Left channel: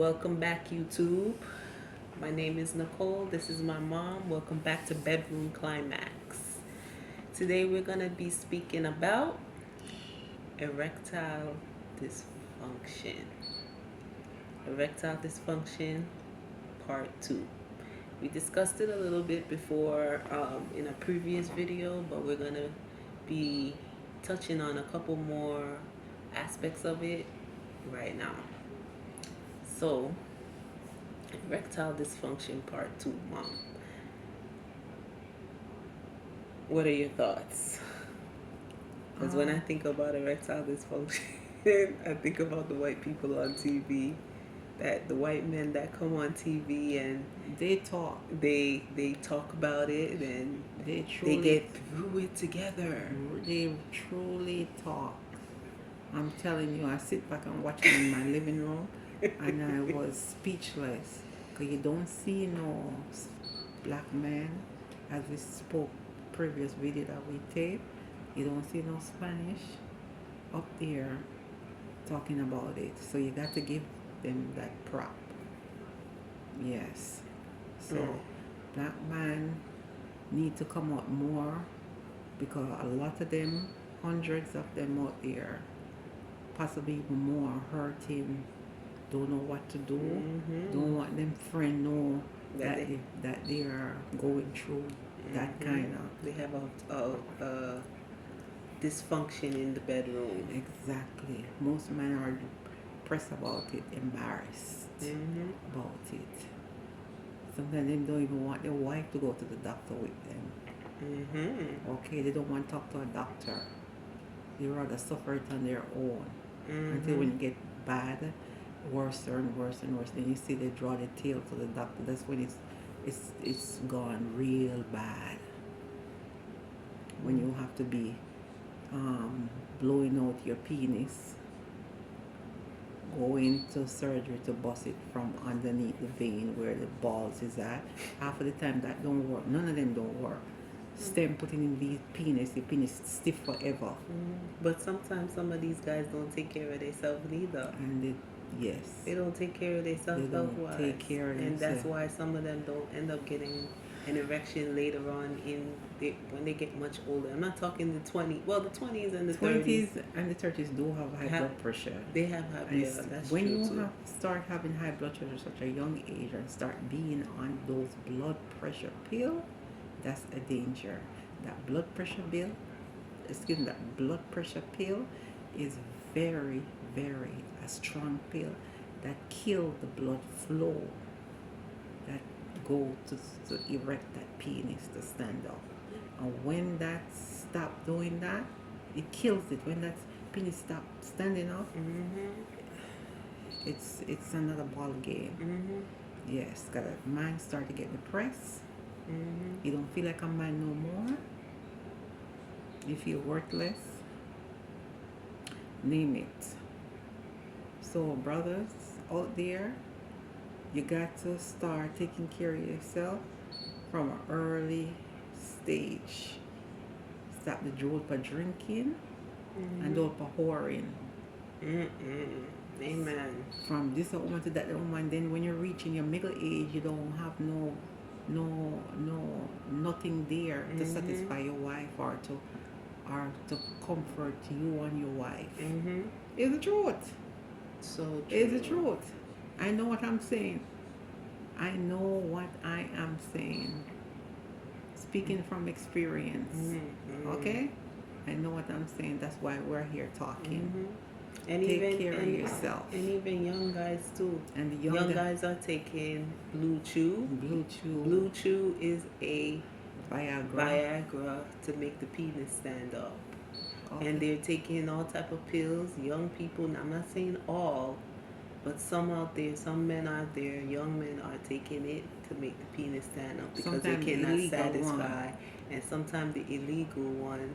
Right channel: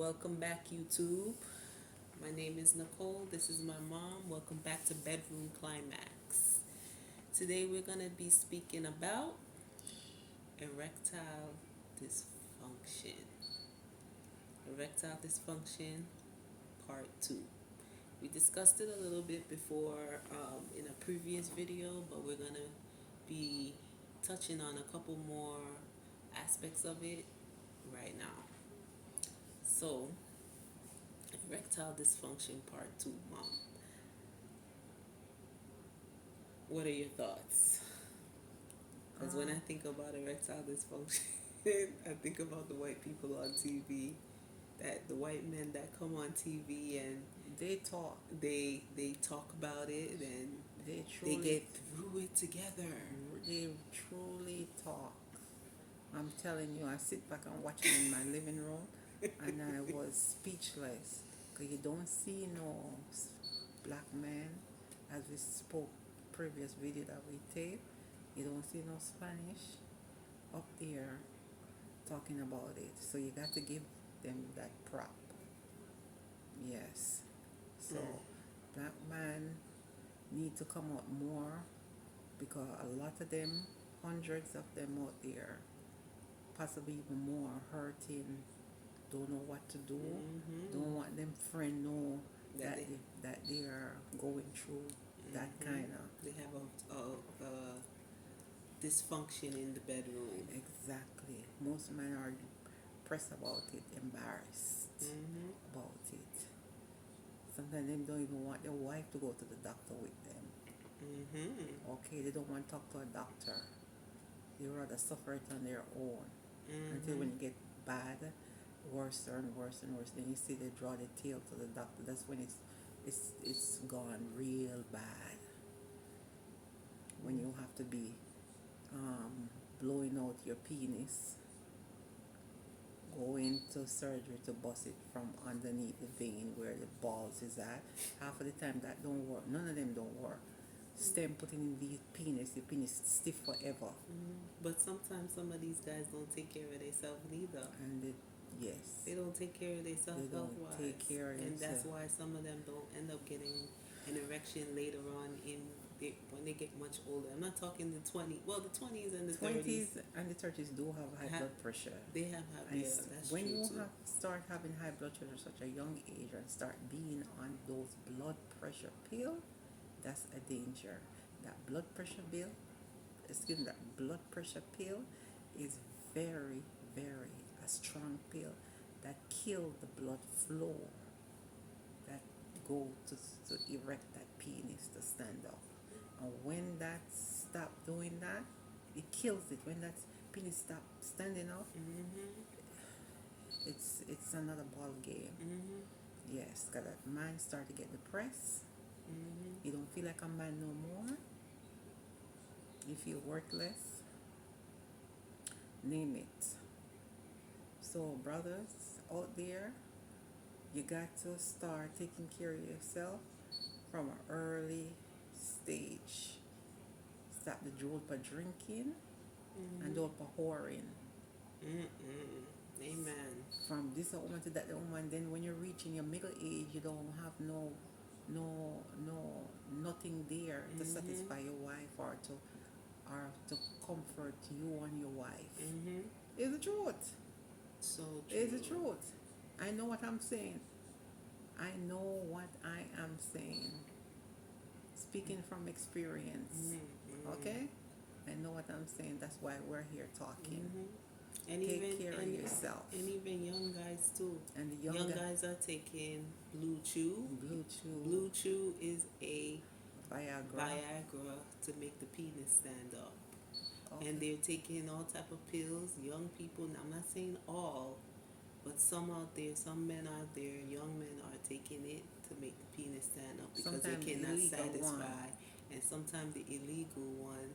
Welcome back, YouTube. My name is Nicole. This is my mom. Welcome back to Bedroom Climax. Today we're going to be speaking about erectile dysfunction. Erectile dysfunction, part 2. We discussed it a little bit before in a previous video, but we're going to be touching on a couple more aspects of it right now. So, erectile dysfunction part 2, Mom. What are your thoughts? Because when I think about erectile dysfunction, I think about the white people on TV, that the white men that come on TV and they talk about it and they get through it together. They truly talk. I'm telling you, I sit back and watch them in my living room and I was speechless, because you don't see no black man, as we spoke previous video that we taped. You don't see no Spanish up there talking about it, so you got to give them that prop. Yes. So black man need to come out more, because a lot of them, hundreds of them out there, possibly even more, hurting, don't know what to do, don't want them friend know that they are going through that kind of. They have a dysfunction in the bedroom. Exactly. Most men are depressed about it, embarrassed about it. Sometimes they don't even want their wife to go to the doctor with them. Okay, they don't want to talk to a doctor. They rather suffer it on their own until when it get bad, worse and worse and worse. Then you see they draw the tail to the doctor. That's when it's gone real bad. When you have to be blowing out your penis, going to surgery to bust it from underneath the vein where the balls is at. Half of the time that don't work. None of them don't work. Stem putting in the penis stiff forever. But sometimes some of these guys don't take care of themselves neither. And they don't take care of themselves health-wise. Take care of and themselves. That's why some of them don't end up getting an erection later on when they get much older. I'm not talking the 20s. Well, the 20s and the 30s. And the 30s do have high blood pressure. They have high blood pressure. That's when true you too. Start having high blood pressure at such a young age and start being on those blood pressure pills, that's a danger. That blood pressure pill is very, very a strong pill that kills the blood flow that go to erect that penis to stand up. And when that stop doing that, it kills it. When that penis stop standing up, it's another ball game. Yes, because a man start to get depressed. You don't feel like a man no more. You feel worthless. Name it. So brothers out there, you got to start taking care of yourself from an early stage. Stop the drug for drinking and don't for whoring. Amen. From this woman to that woman, then when you're reaching your middle age, you don't have nothing there to satisfy your wife or to comfort you and your wife. It's the truth. So true. It's the truth. I know what I'm saying. I know what I am saying. Speaking from experience. Okay? I know what I'm saying. That's why we're here talking. And Take care of yourself. And even young guys too. And the young guys are taking Blue Chew. Blue Chew is a Viagra to make the penis stand up. Okay. And they're taking all type of pills. Young people, I'm not saying all, but some out there, some men out there, young men are taking it to make the penis stand up because sometimes they cannot satisfy. One. And sometimes the illegal one,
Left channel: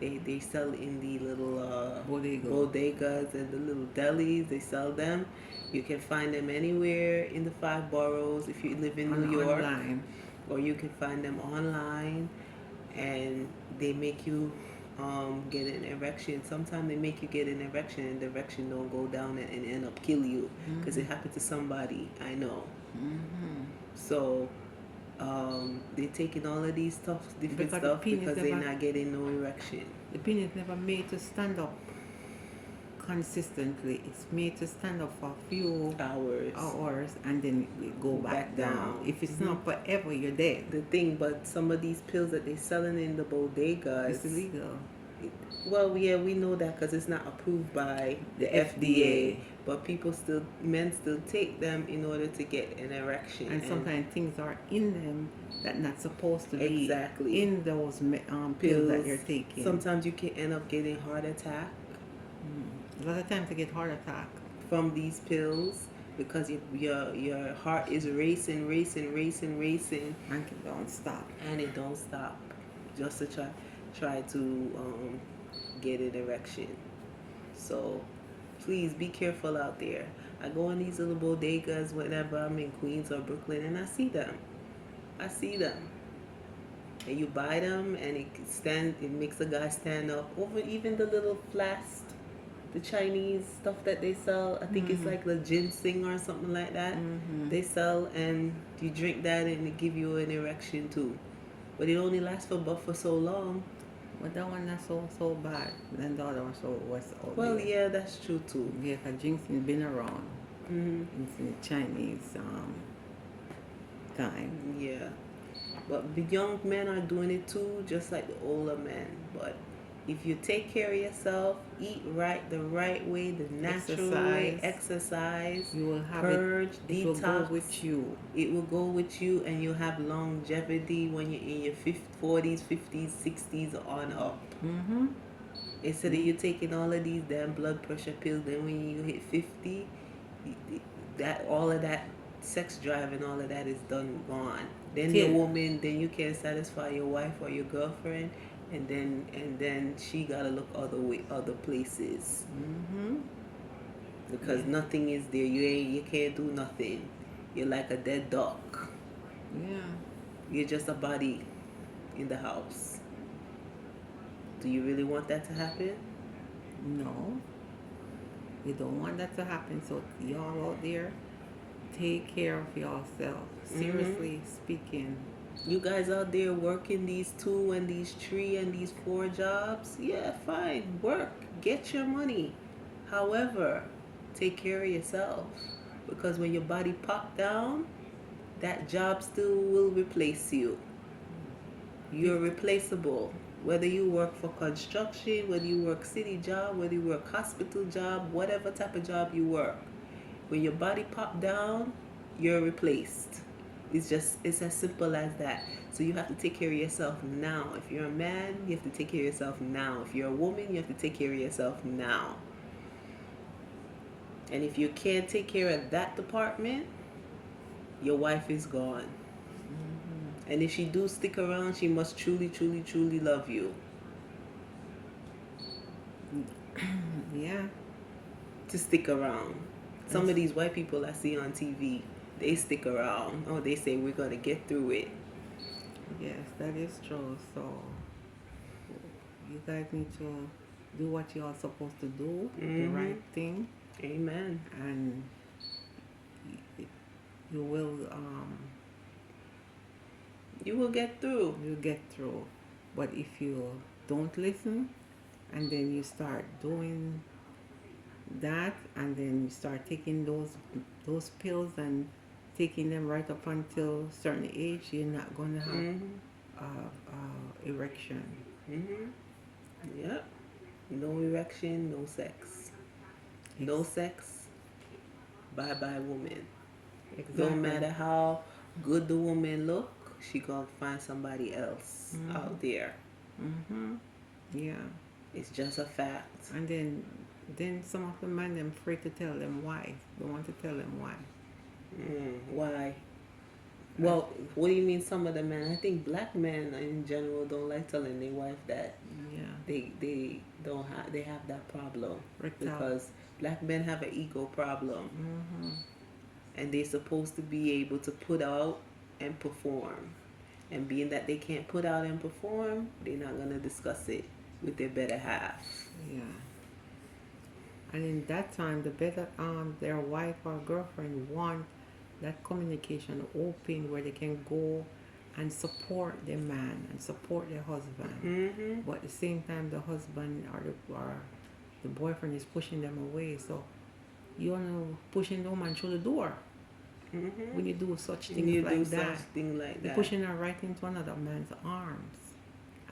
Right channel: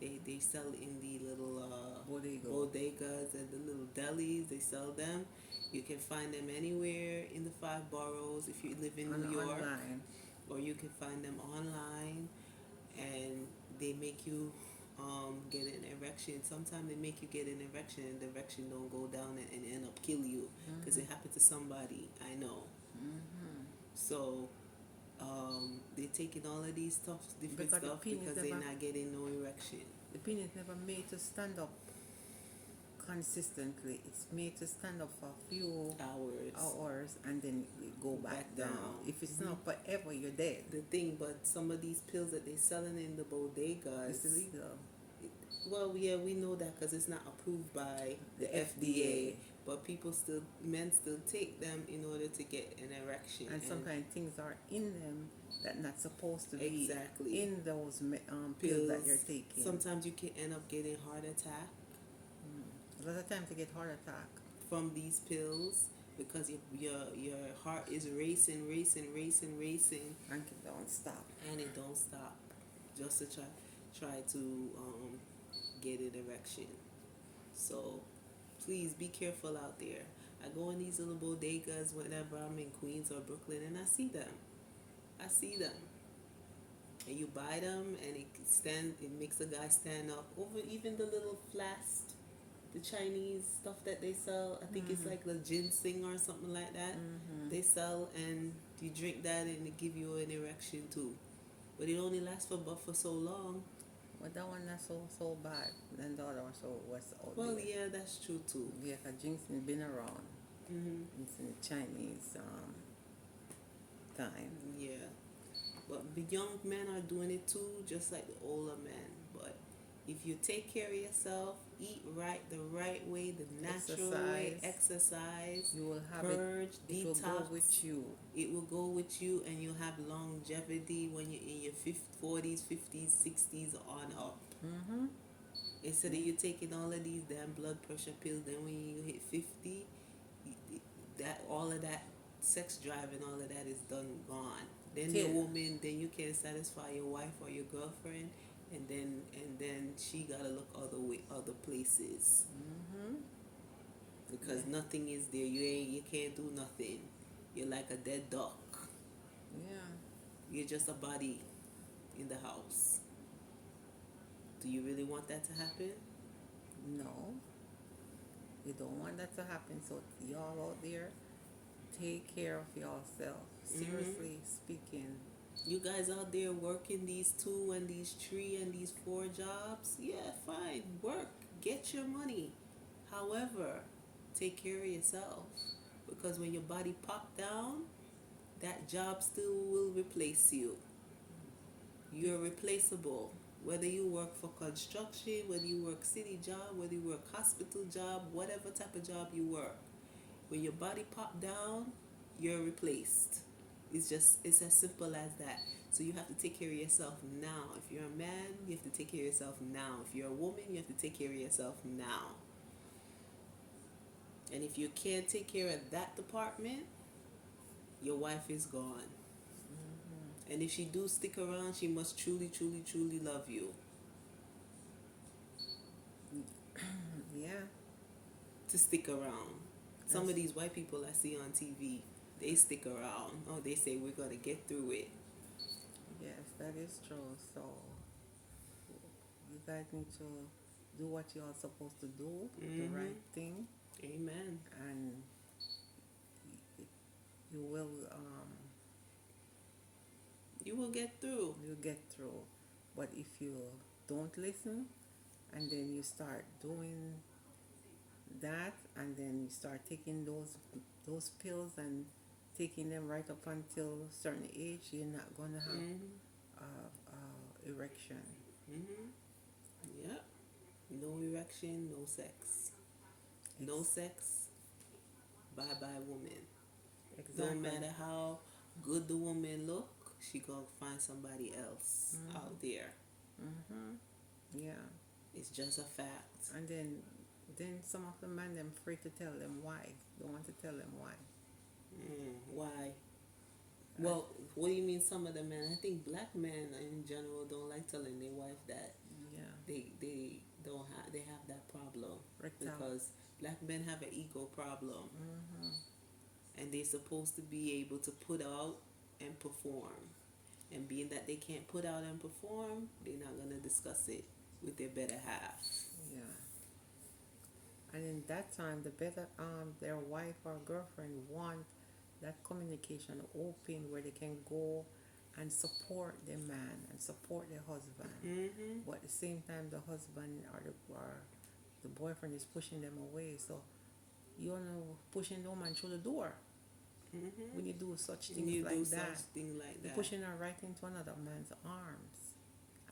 they sell in the little bodegas and the little delis. They sell them. You can find them anywhere in the 5 boroughs if you live in New York. Online. Or you can find them online, and they make you get an erection. Sometimes they make you get an erection and the erection don't go down and end up kill you because it happened to somebody I know. So they're taking all of these stuff, different Because stuff, the penis because they're never- not getting no erection. The penis never made to stand up consistently. It's made to stand up for a few Hours and then it go back down. If it's not forever, you're dead. The thing, but some of these pills that they're selling in the bodegas, It's illegal. well, yeah, we know that because it's not approved by the FDA. But men still take them in order to get an erection. And some kind of things are in them that not supposed to be Exactly. in those pills that you're taking. Sometimes you can end up getting heart attack A lot of times you get heart attack. from these pills because your heart is racing, And it don't stop. and it don't stop, just to try to get an erection. So please be careful out there. I go in these little bodegas whenever I'm in Queens or Brooklyn, and I see them. And you buy them, and it makes the guy stand up. Over even the little flask, the Chinese stuff that they sell. I think it's like the ginseng or something like that. They sell, and you drink that, and it give you an erection too. But it only lasts for so long. But that one not so bad. Then the other one was Well, yeah, that's true too. Yeah, because ginseng been around. It's in the Chinese time. Yeah. But the young men are doing it too, just like the older men. But if you take care of yourself, eat right, the right way, the natural way, exercise, you will have purge, it detox. will go with you. It will go with you, and you'll have longevity when you're in your 40s, 50s, 60s on up. Instead of you taking all of these damn blood pressure pills, then when you hit 50, all of that sex drive and all of that is gone. Then the woman, then you can't satisfy your wife or your girlfriend, and then she gotta look other places. Because nothing is there. You can't do nothing. You're like a dead duck. Yeah. You're just a body in the house. Do you really want that to happen? No. You don't want that to happen. So y'all out there, take care of yourself. Seriously speaking. You guys out there working these 2 and these 3 and these 4 jobs, yeah, fine, work, get your money. However, take care of yourself, because when your body pop down, that job still will replace you. You're replaceable. Whether you work for construction, whether you work city job, whether you work hospital job, whatever type of job you work, when your body pop down, you're replaced. It's as simple as that. So you have to take care of yourself now. If you're a man, you have to take care of yourself now. If you're a woman, you have to take care of yourself now. And if you can't take care of that department, your wife is gone. And if she do stick around, she must truly, truly, truly love you. Yeah. To stick around. Some of these white people I see on TV, they stick around. Oh, they say we're going to get through it. Yes, that is true. So you guys need to do what you are supposed to do, the right thing. Amen. And you will get through. You'll get through. But if you don't listen, and then you start doing that, and then you start taking those pills and taking them right up until a certain age, you're not going to have erection. Yep. No erection, no sex. No sex, bye-bye woman. Exactly. No matter how good the woman look, she gonna find somebody else out there. Yeah. It's just a fact. And then some of the men, them afraid to tell them why. They want to tell them why. Why? Well, what do you mean some of the men? I think black men in general don't like telling their wife that. Yeah. They have that problem. Erectile. Because black men have an ego problem. And they're supposed to be able to put out and perform. And being that they can't put out and perform, they're not going to discuss it. with their better half. Yeah. And in that time, the better their wife or girlfriend want that communication open where they can go and support their man and support their husband. Mm-hmm. But at the same time, the husband or the boyfriend is pushing them away. So you're pushing the woman through the door Mm-hmm. when you do such And you things do like such that. thing like You're that. pushing her right into another man's arms,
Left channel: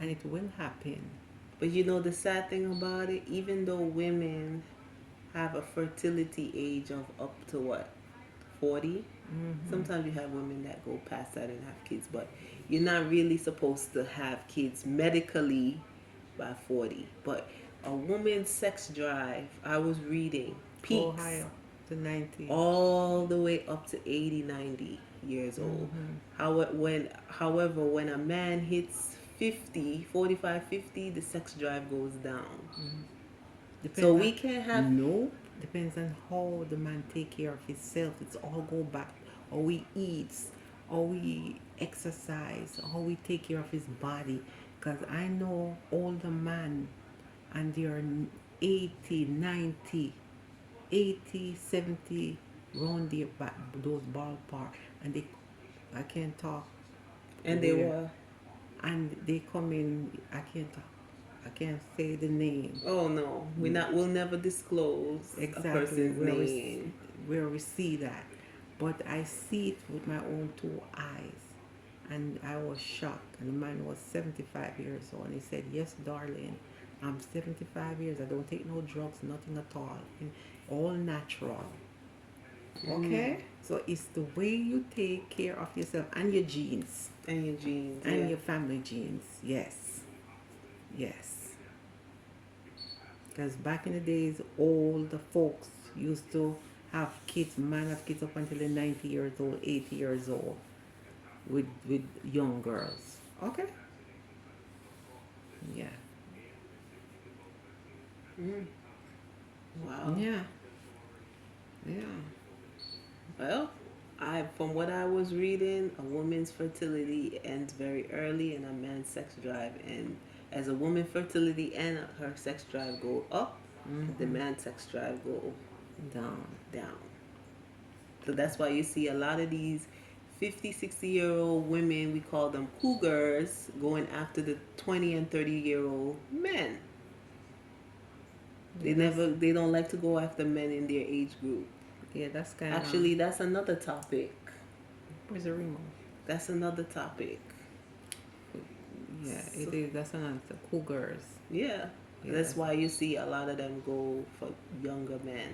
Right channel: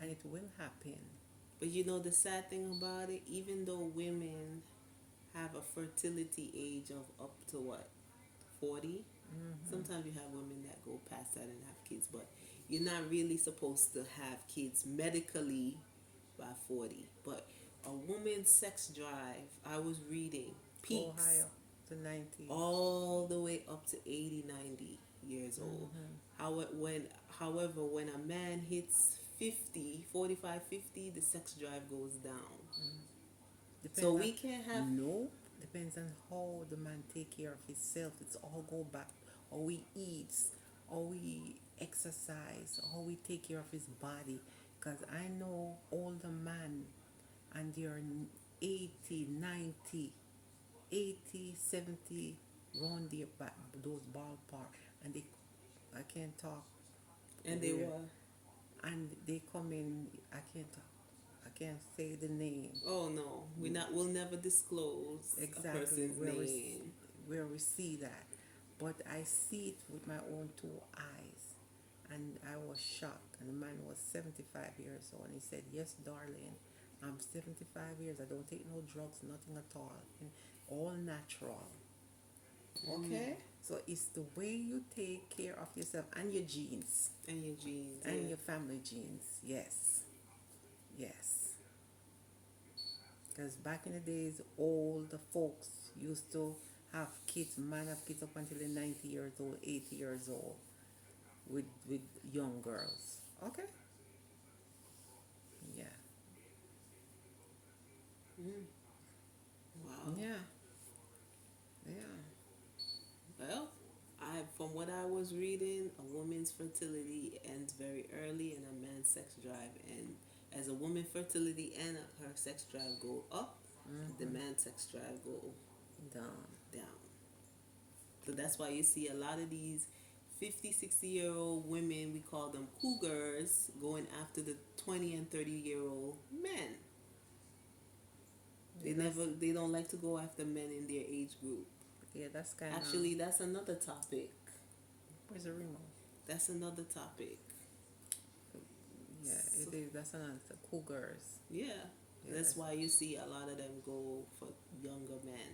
and it will happen. But you know the sad thing about it, even though women have a fertility age of up to what, 40? Mm-hmm. Sometimes you have women that go past that and have kids, but you're not really supposed to have kids medically by 40. But a woman's sex drive, I was reading, Go peaks higher to 90. all the way up to 80, 90 years old. Mm-hmm. However, when a man hits 50, 45, 50, the sex drive goes down. Mm-hmm. So Depends we on can't have. no. Depends on how the man take care of himself. It's all go back. How he eats, how he exercise, how he take care of his body. Cause I know older man and they are 80, 90, 80, 70 round their back, those ballpark, and they I can't talk And they where, were. and they come in. I can't say the name. Oh no, we'll never disclose a Exactly person's name. where we see that, but I see it with my own two eyes, and I was shocked. And the man was 75 years old, and he said, "Yes, darling, I'm 75 years. I don't take no drugs, nothing at all, all natural." Okay, so it's the way you take care of yourself and your genes And your genes. and Yeah. your family genes. Yes, yes. Because back in the days, all the folks used to have kids, man have kids up until they're 90 years old, 80 years old with young girls. Okay? Yeah. Mm. Wow. Yeah. Yeah. Well, from what I was reading, a woman's fertility ends very early, and a man's sex drive. And as a woman's fertility and her sex drive go up, the Mm-hmm. man's sex drive go Down. down. So that's why you see a lot of these 50, 60-year-old women, we call them cougars, going after the 20 and 30-year-old men. Yes. They don't like to go after men in their age group. Yeah, that's kind of. Actually, that's another topic. Where's the remote? That's another topic. Yeah, So, it is. That's another. Cougars. yeah. Yeah. That's why you see a lot of them go for younger men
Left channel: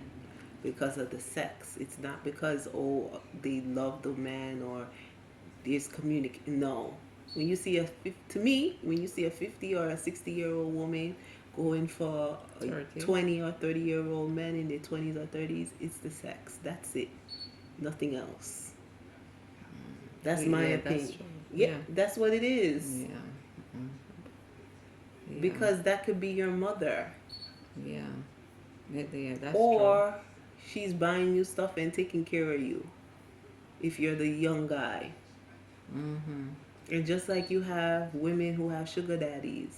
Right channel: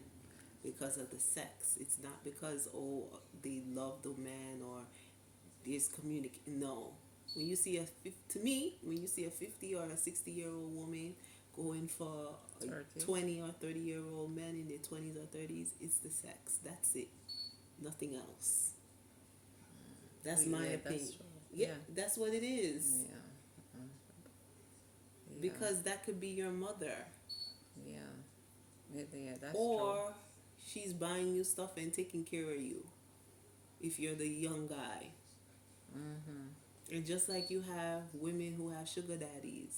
because of the sex. It's not because they love the man or there's No, when you see when you see a 50 or a 60-year-old woman going for a 30. 20 or 30-year-old men in their 20s or 30s, it's the sex. That's it. Nothing else. That's my Yeah, opinion. that's true. Yeah, that's what it is. Yeah. Mm. Yeah. Because that could be your mother. Yeah. Yeah, that's Or she's buying you stuff and taking care of you if you're the young guy. true. Mm-hmm. And just like you have women who have sugar daddies,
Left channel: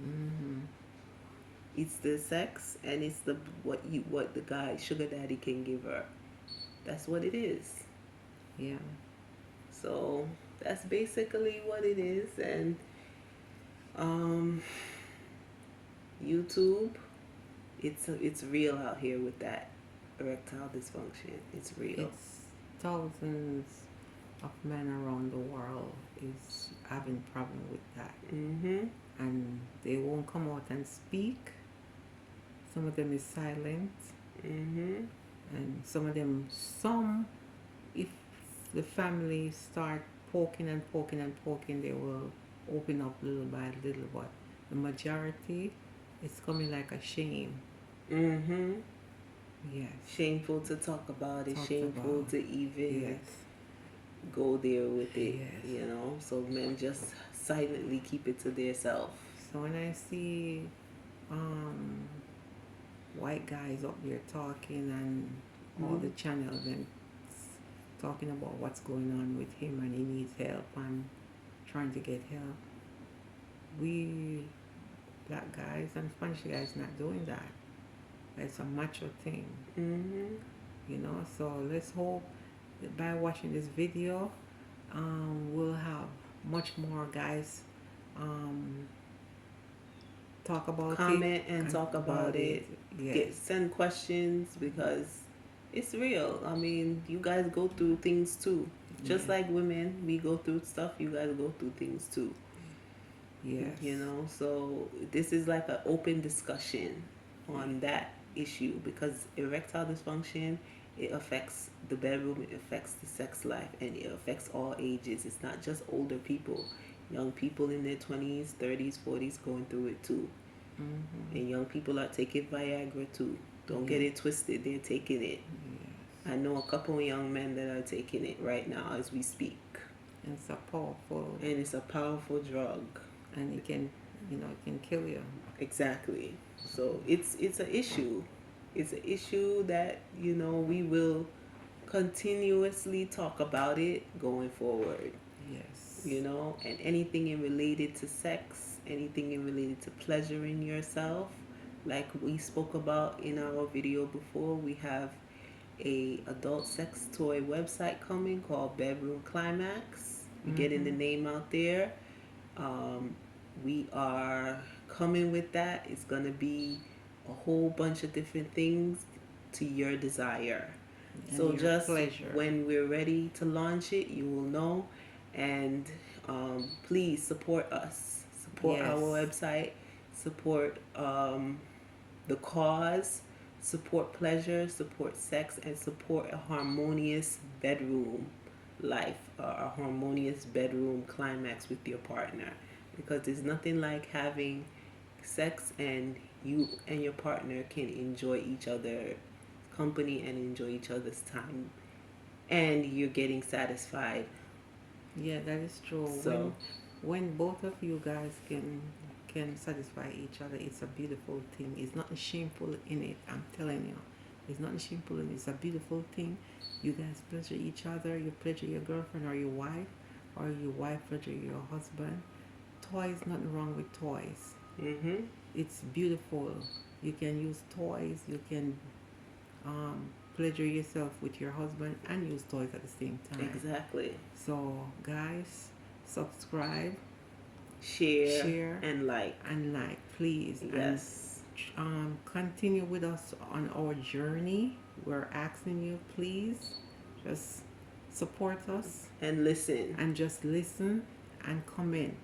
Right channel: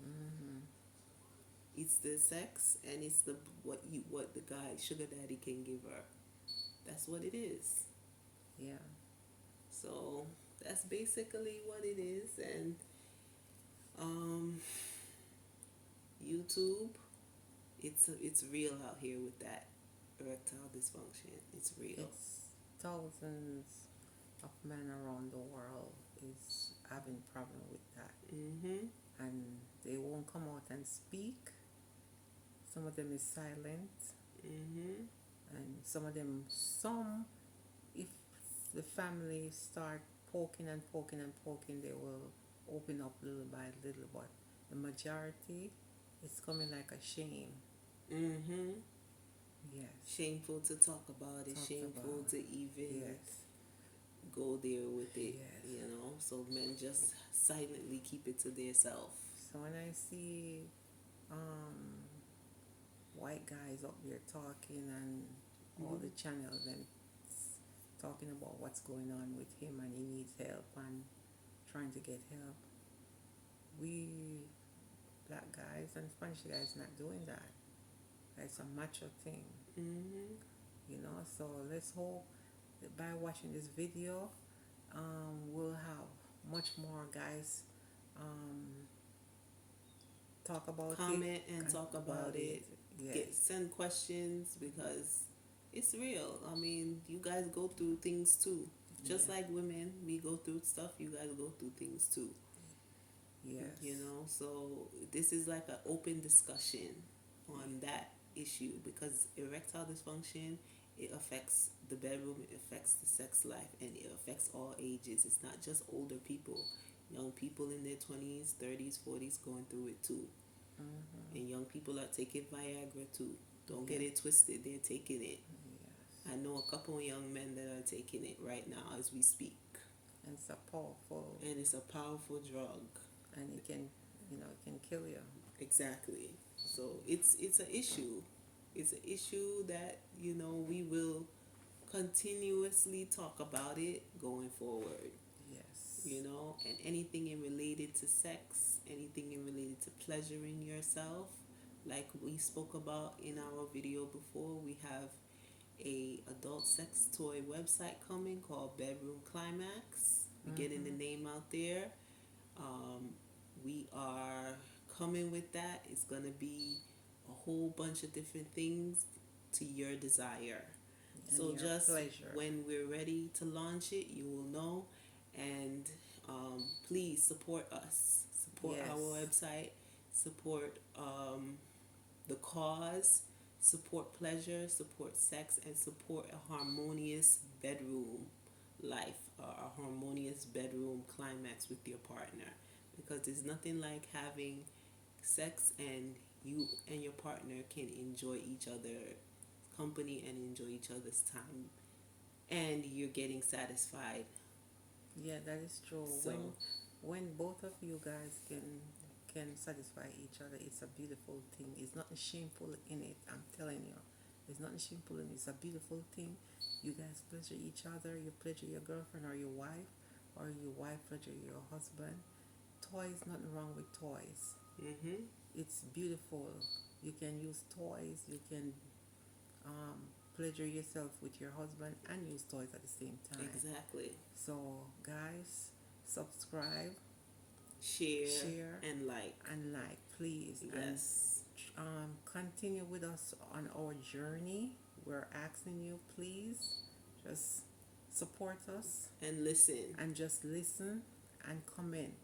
Mm-hmm. it's the sex and it's what the guy sugar daddy can give her. That's what it is. Yeah. So that's basically what it is. And YouTube, it's real out here with that erectile dysfunction. It's real. It's thousands of men around the world is having problem with that, Mm-hmm. and they won't come out and speak. Some of them is silent, Mm-hmm. and some if the family start poking and poking and poking, they will open up little by little. But the majority, it's coming like a shame. Mm-hmm. Yes. Shameful to talk about it. Talked Shameful about. to even Yes. go there with it. Yes. You know. So men just silently keep it to themselves. So when I see white guys up there talking and all the channels and talking about what's going on with him and he needs help and trying to get help, we black guys and Spanish guys not doing that. It's a macho thing, you know. So let's hope that by watching this video, we'll have much more guys talk about comment it and talk about it. Yes. Send questions because it's real. I mean, you guys go through things too. Just like women, we go through stuff. You guys go through things too. Yes. You know, so this is like an open discussion on that issue because erectile dysfunction, it affects the bedroom, it affects the sex life, and it affects all ages. It's not just older people. Young people in their 20s, 30s, 40s going through it too. And young people are taking Viagra too. Don't get it twisted. They're taking it. I know a couple of young men that are taking it right now as we speak. It's a powerful. And it's a powerful drug. And it can, it can kill you. Exactly. So it's an issue. It's an issue that, we will continuously talk about it going forward. Yes. And anything in related to sex, anything in related to pleasuring yourself, like we spoke about in our video before, we have a adult sex toy website coming called Bedroom Climax. We're getting the name out there. We are coming with that. It's going to be a whole bunch of different things to your desire. And so just pleasure. When we're ready to launch it, you will know. And please support us. Support our website. Support the cause. Support pleasure. Support sex. And support a harmonious bedroom life. A harmonious bedroom climax with your partner. Because there's nothing like having sex and you and your partner can enjoy each other's company and enjoy each other's time. And you're getting satisfied. Yeah, that is true. So when both of you guys can satisfy each other, it's a beautiful thing. It's nothing shameful in it. I'm telling you, it's nothing shameful in it. It's a beautiful thing. You guys pleasure each other. You pleasure your girlfriend or your wife, or your wife pleasure your husband. Toys, nothing wrong with toys. It's beautiful. You can use toys. You can pleasure yourself with your husband and use toys at the same time. Exactly. So guys, subscribe, share and like, please. Yes. And continue with us on our journey. We're asking you, please, just support us and listen, and just listen and comment,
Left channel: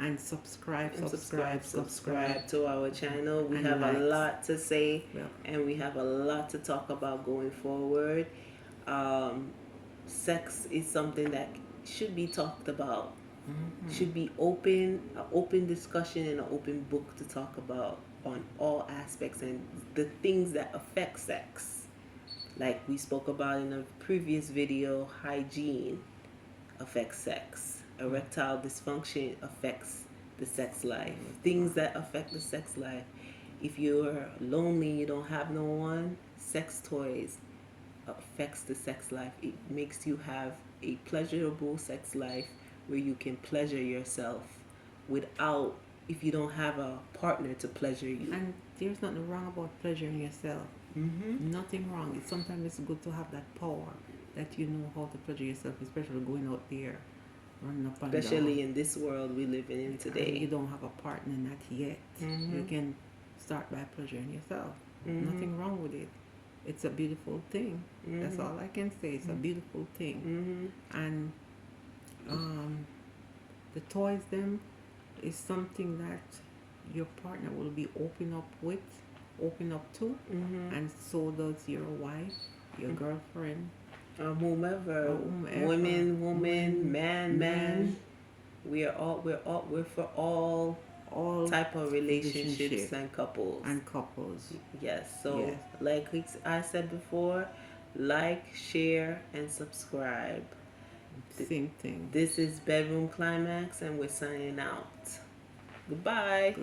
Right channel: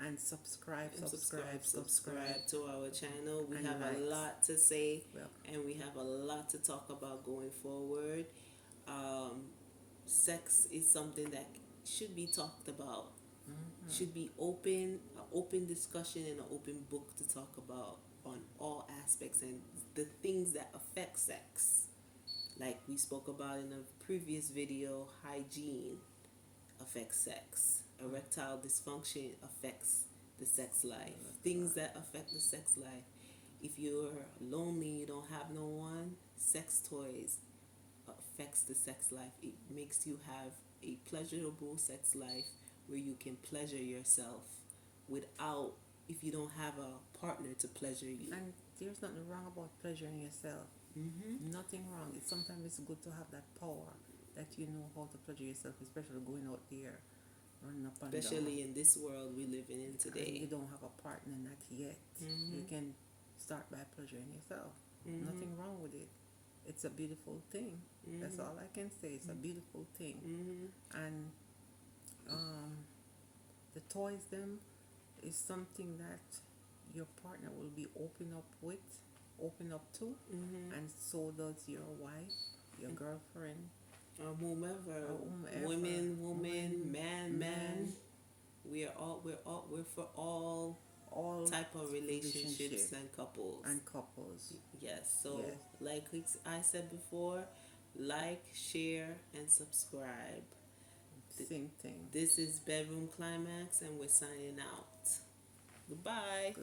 and subscribe to our channel. We have a lot to say, and we have a lot to talk about going forward. Sex is something that should be talked about. Should be an open discussion and an open book to talk about on all aspects and the things that affect sex. Like we spoke about in a previous video, hygiene affects sex. Erectile dysfunction affects the sex life. Things that affect the sex life. If you're lonely, you don't have no one, sex toys affects the sex life. It makes you have a pleasurable sex life where you can pleasure yourself without, if you don't have a partner to pleasure you. And there's nothing wrong about pleasuring yourself. Nothing wrong. Sometimes it's good to have that power that you know how to pleasure yourself, especially going out there, running up and down. Especially in this world we live in today. And you don't have a partner, not yet. You can start by pleasuring yourself. Nothing wrong with it. It's a beautiful thing. That's all I can say. It's a beautiful thing. And the toys them is something that your partner will be open up to, and so does your wife, your girlfriend, whomever, woman, man. We're for all type of relationships and couples. Yes. So like I said before, like, share, and subscribe. Same thing. This is Bedroom Climax, and we're signing out. Goodbye.